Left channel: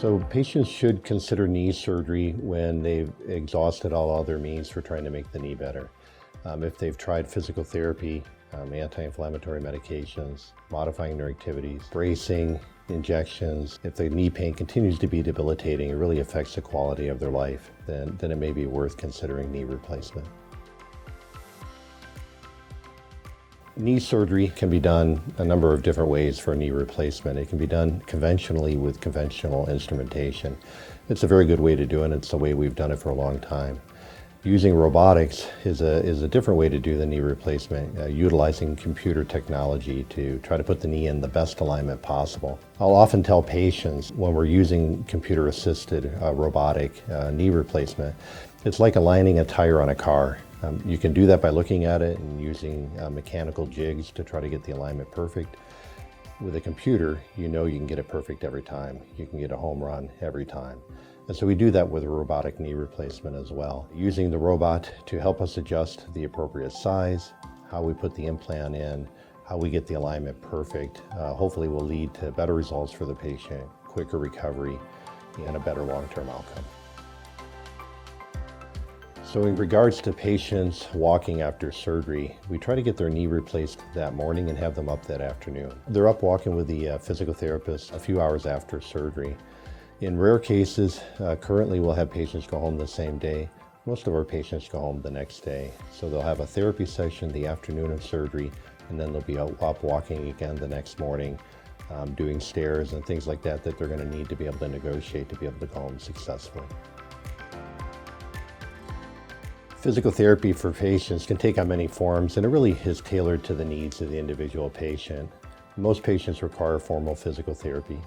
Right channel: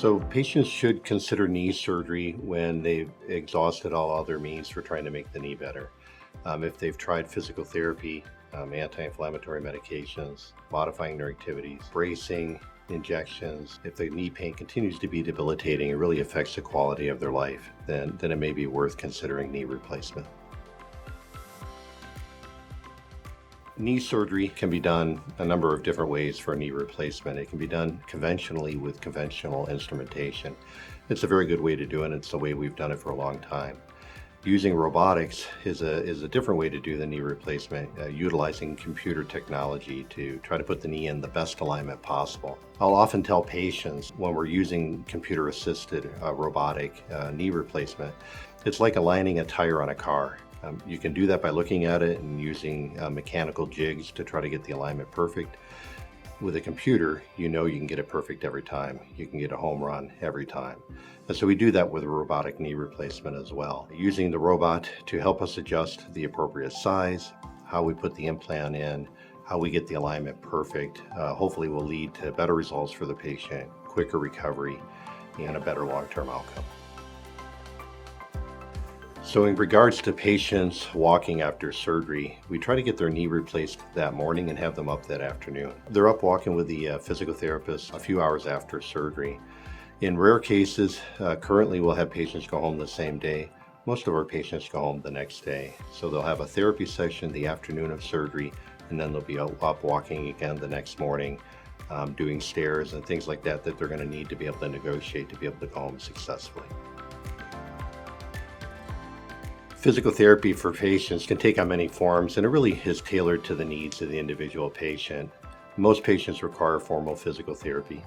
So patients should consider knee surgery when they've exhausted all other means for trying to make the knee better. If they've tried physical therapy, anti-inflammatory medications, modifying their activities, bracing, injections, if the knee pain continues to be debilitating and really affects the quality of their life, then it may be worth considering knee replacement. Knee surgery can be done a number of different ways for knee replacement. It can be done conventionally with conventional instrumentation. It's a very good way to do it. It's the way we've done it for a long time. Using robotics is a different way to do the knee replacement, utilizing computer technology to try to put the knee in the best alignment possible. I'll often tell patients when we're using computer-assisted robotic knee replacement, it's like aligning a tire on a car. You can do that by looking at it and using mechanical jigs to try to get the alignment perfect. With a computer, you know you can get it perfect every time. You can get a home run every time. And so we do that with a robotic knee replacement as well. Using the robot to help us adjust the appropriate size, how we put the implant in, how we get the alignment perfect, hopefully will lead to better results for the patient, quicker recovery, and a better long-term outcome. So in regards to patients walking after surgery, we try to get their knee replaced that morning and have them up that afternoon. They're up walking with the physical therapist a few hours after surgery. In rare cases, currently we'll have patients go home the same day. Most of our patients go home the next day. So they'll have a therapy session the afternoon of surgery, and then they'll be up walking again the next morning, doing stairs and things like that they're going to need to be able to negotiate to be able to go home successfully. Physical therapy for patients can take on many forms, and it really is tailored to the needs of the individual patient. Most patients require formal physical therapy.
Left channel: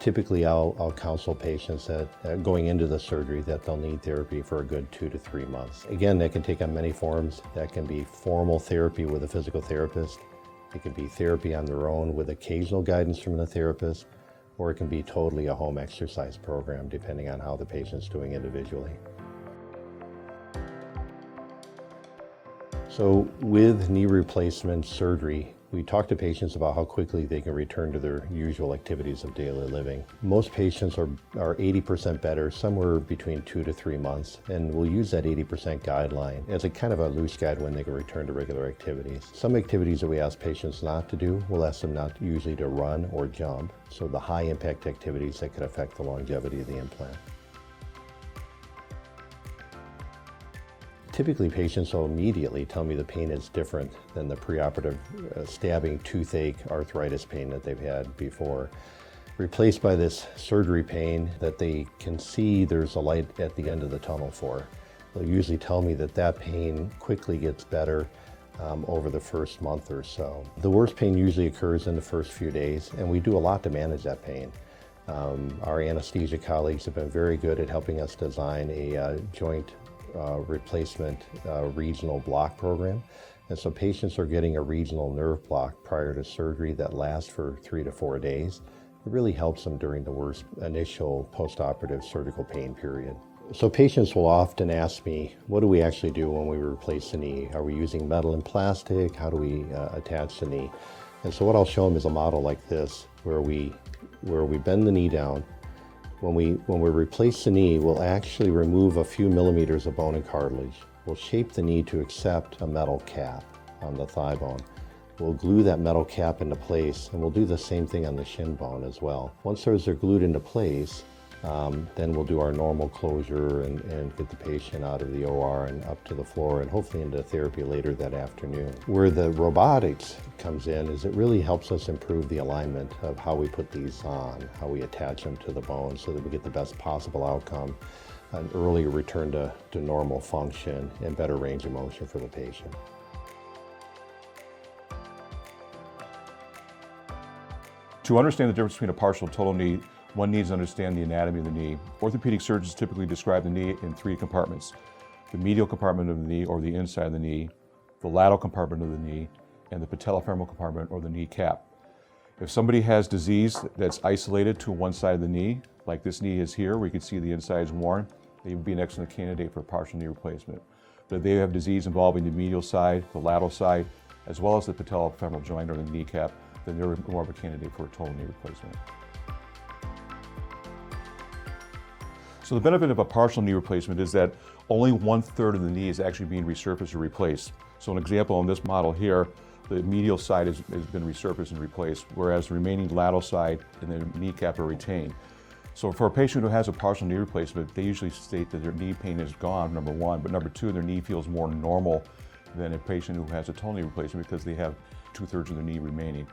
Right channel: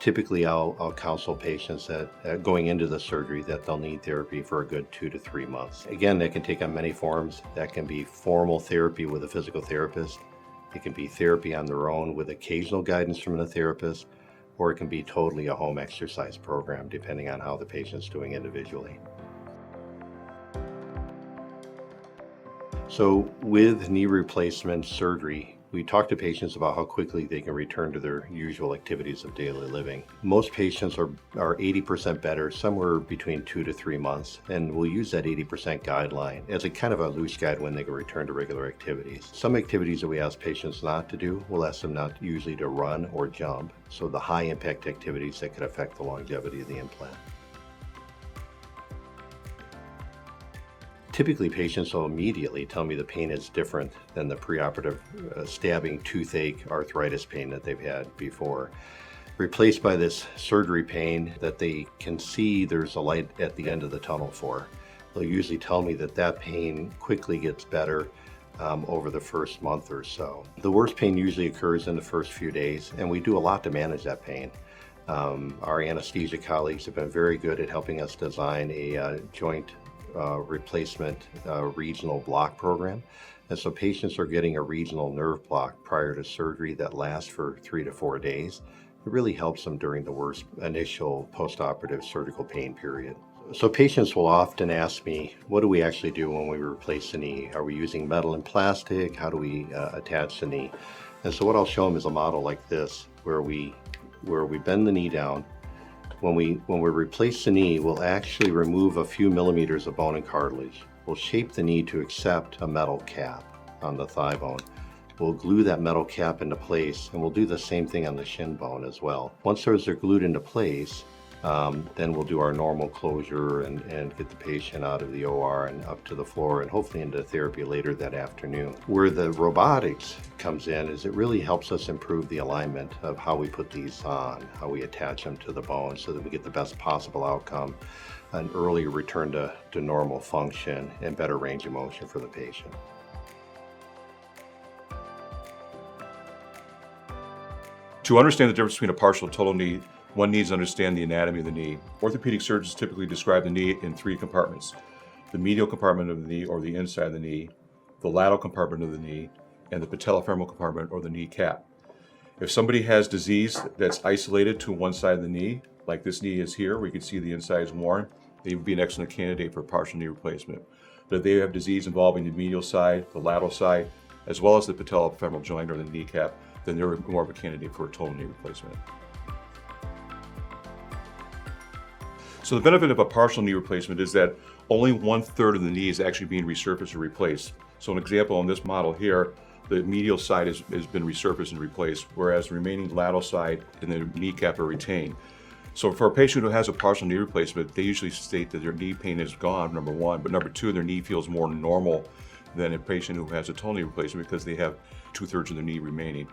Typically, I'll counsel patients that going into the surgery that they'll need therapy for a good 2 to 3 months. Again, that can take on many forms. That can be formal therapy with a physical therapist. It can be therapy on their own with occasional guidance from the therapist, or it can be totally a home exercise program, depending on how the patient's doing individually. So with knee replacement surgery, we talk to patients about how quickly they can return to their usual activities of daily living. Most patients are 80% better, somewhere between 2 to 3 months, and we'll use that 80% guideline as a kind of a loose guide when they can return to regular activities. Some activities that we ask patients not to do, we'll ask them not usually to run or jump, so the high impact activities that could affect the longevity of the implant. Typically, patients will immediately tell me the pain is different than the preoperative stabbing toothache arthritis pain that they've had before, replaced by this surgery pain that they can see there's a light at the end of the tunnel for. They'll usually tell me that pain quickly gets better over the first month or so. The worst pain usually occurs in the first few days, and we do a lot to manage that pain. Our anesthesia colleagues have been very good at helping us design a joint replacement regional block program. And so patients are getting a regional nerve block prior to surgery that lasts for 3 to 4 days. It really helps them during the worst initial postoperative surgical pain period. So patients will often ask me, what do we actually do when we replace the knee? Are we using metal and plastic? How do we attach the knee? And so what I'll show them is a model like this, where we bend the knee down. When we replace the knee, we'll actually remove a few millimeters of bone and cartilage. We'll shape the knee to accept a metal cap on the thigh bone. We'll glue that metal cap into place, and we'll do the same thing on the shin bone as well. Once those are glued into place, then we'll do our normal closure and get the patient out of the OR and up to the floor and hopefully into therapy later that afternoon. Where the robotics comes in is it really helps us improve the alignment of how we put these on, how we attach them to the bone so that we get the best possible outcome, an earlier return to normal function and better range of motion for the patient. To understand the difference between a partial and total knee, one needs to understand the anatomy of the knee. Orthopedic surgeons typically describe the knee in 3 compartments: the medial compartment of the knee, or the inside of the knee, the lateral compartment of the knee, and the patellofemoral compartment, or the knee cap. If somebody has disease that's isolated to one side of the knee, like this knee is here, where you can see the inside is worn, they would be an excellent candidate for partial knee replacement. But if they have disease involving the medial side, the lateral side, as well as the patellofemoral joint or the kneecap, then they're more of a candidate for a total knee replacement. So the benefit of a partial knee replacement is that only 1/3 of the knee is actually being resurfaced or replaced. So an example on this model here, the medial side has been resurfaced and replaced, whereas the remaining lateral side and the kneecap are retained. So for a patient who has a partial knee replacement, they usually state that their knee pain is gone, number one, but number two, their knee feels more normal than a patient who has a total knee replacement because they have 2/3 of the knee remaining.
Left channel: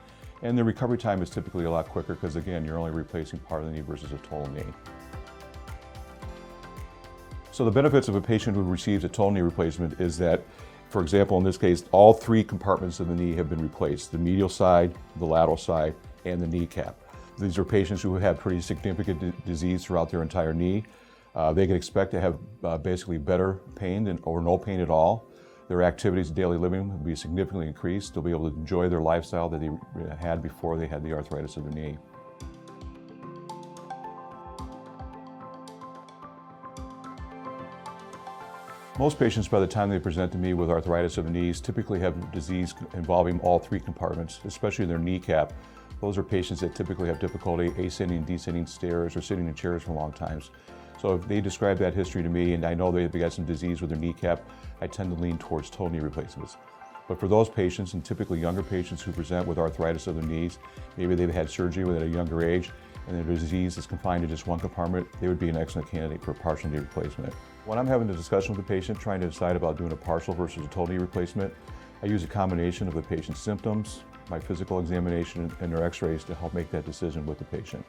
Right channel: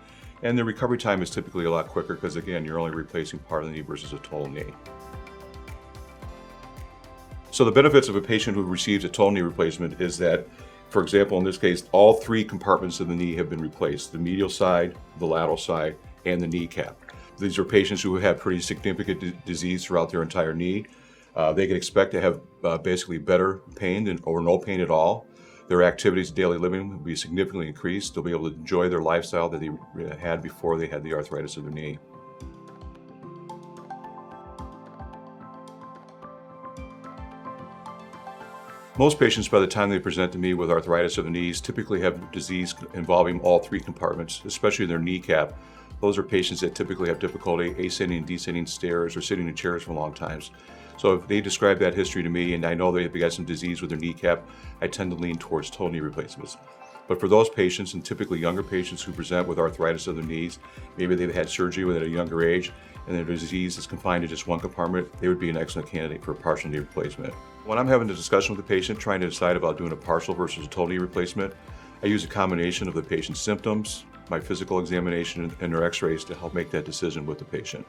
And the recovery time is typically a lot quicker because, again, you're only replacing part of the knee versus a total knee. So the benefits of a patient who receives a total knee replacement is that, for example, in this case, all 3 compartments of the knee have been replaced: the medial side, the lateral side, and the kneecap. These are patients who have pretty significant disease throughout their entire knee. They can expect to have basically better pain or no pain at all. Their activities of daily living will be significantly increased. They'll be able to enjoy their lifestyle that they had before they had the arthritis of the knee. Most patients, by the time they present to me with arthritis of the knees, typically have disease involving all 3 compartments, especially their kneecap. Those are patients that typically have difficulty ascending and descending stairs or sitting in chairs for long times. So if they describe that history to me and I know they've got some disease with their kneecap, I tend to lean towards total knee replacements. But for those patients, and typically younger patients who present with arthritis of the knees, maybe they've had surgery at a younger age, and their disease is confined to just one compartment, they would be an excellent candidate for a partial knee replacement. When I'm having a discussion with the patient trying to decide about doing a partial versus a total knee replacement, I use a combination of the patient's symptoms, my physical examination, and their x-rays to help make that decision with the patient.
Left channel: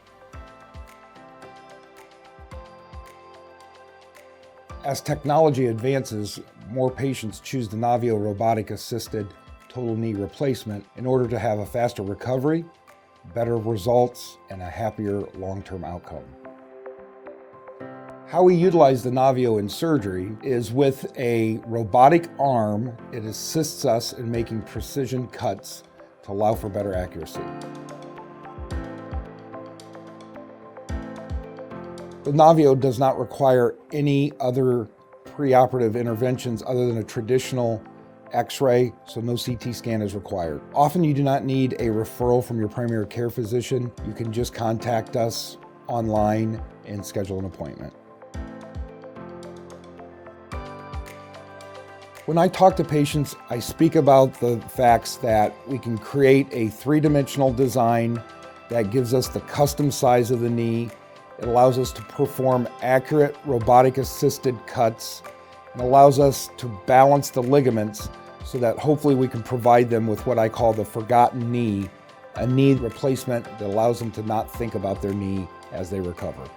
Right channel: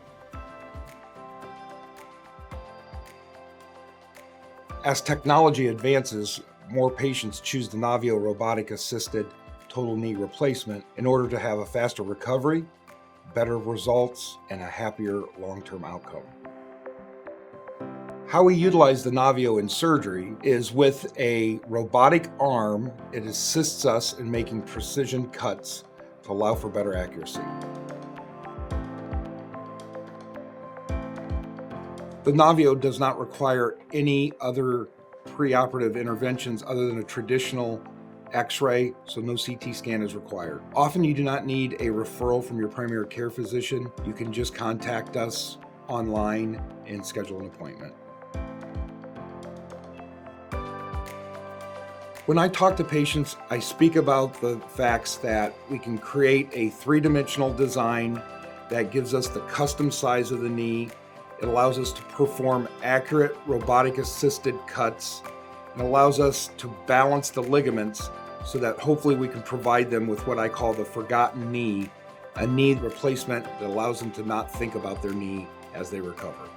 As technology advances, more patients choose the Navio Robotic Assisted Total Knee Replacement in order to have a faster recovery, better results, and a happier long-term outcome. How we utilize the Navio in surgery is with a robotic arm. It assists us in making precision cuts to allow for better accuracy. The Navio does not require any other preoperative interventions other than a traditional X-ray, so no CT scan is required. Often you do not need a referral from your primary care physician. You can just contact us online and schedule an appointment. When I talk to patients, I speak about the facts that we can create a 3-dimensional design that gives us the custom size of the knee. It allows us to perform accurate robotic assisted cuts and allows us to balance the ligaments so that hopefully we can provide them with what I call the forgotten knee, a knee replacement that allows them to not think about their knee as they recover.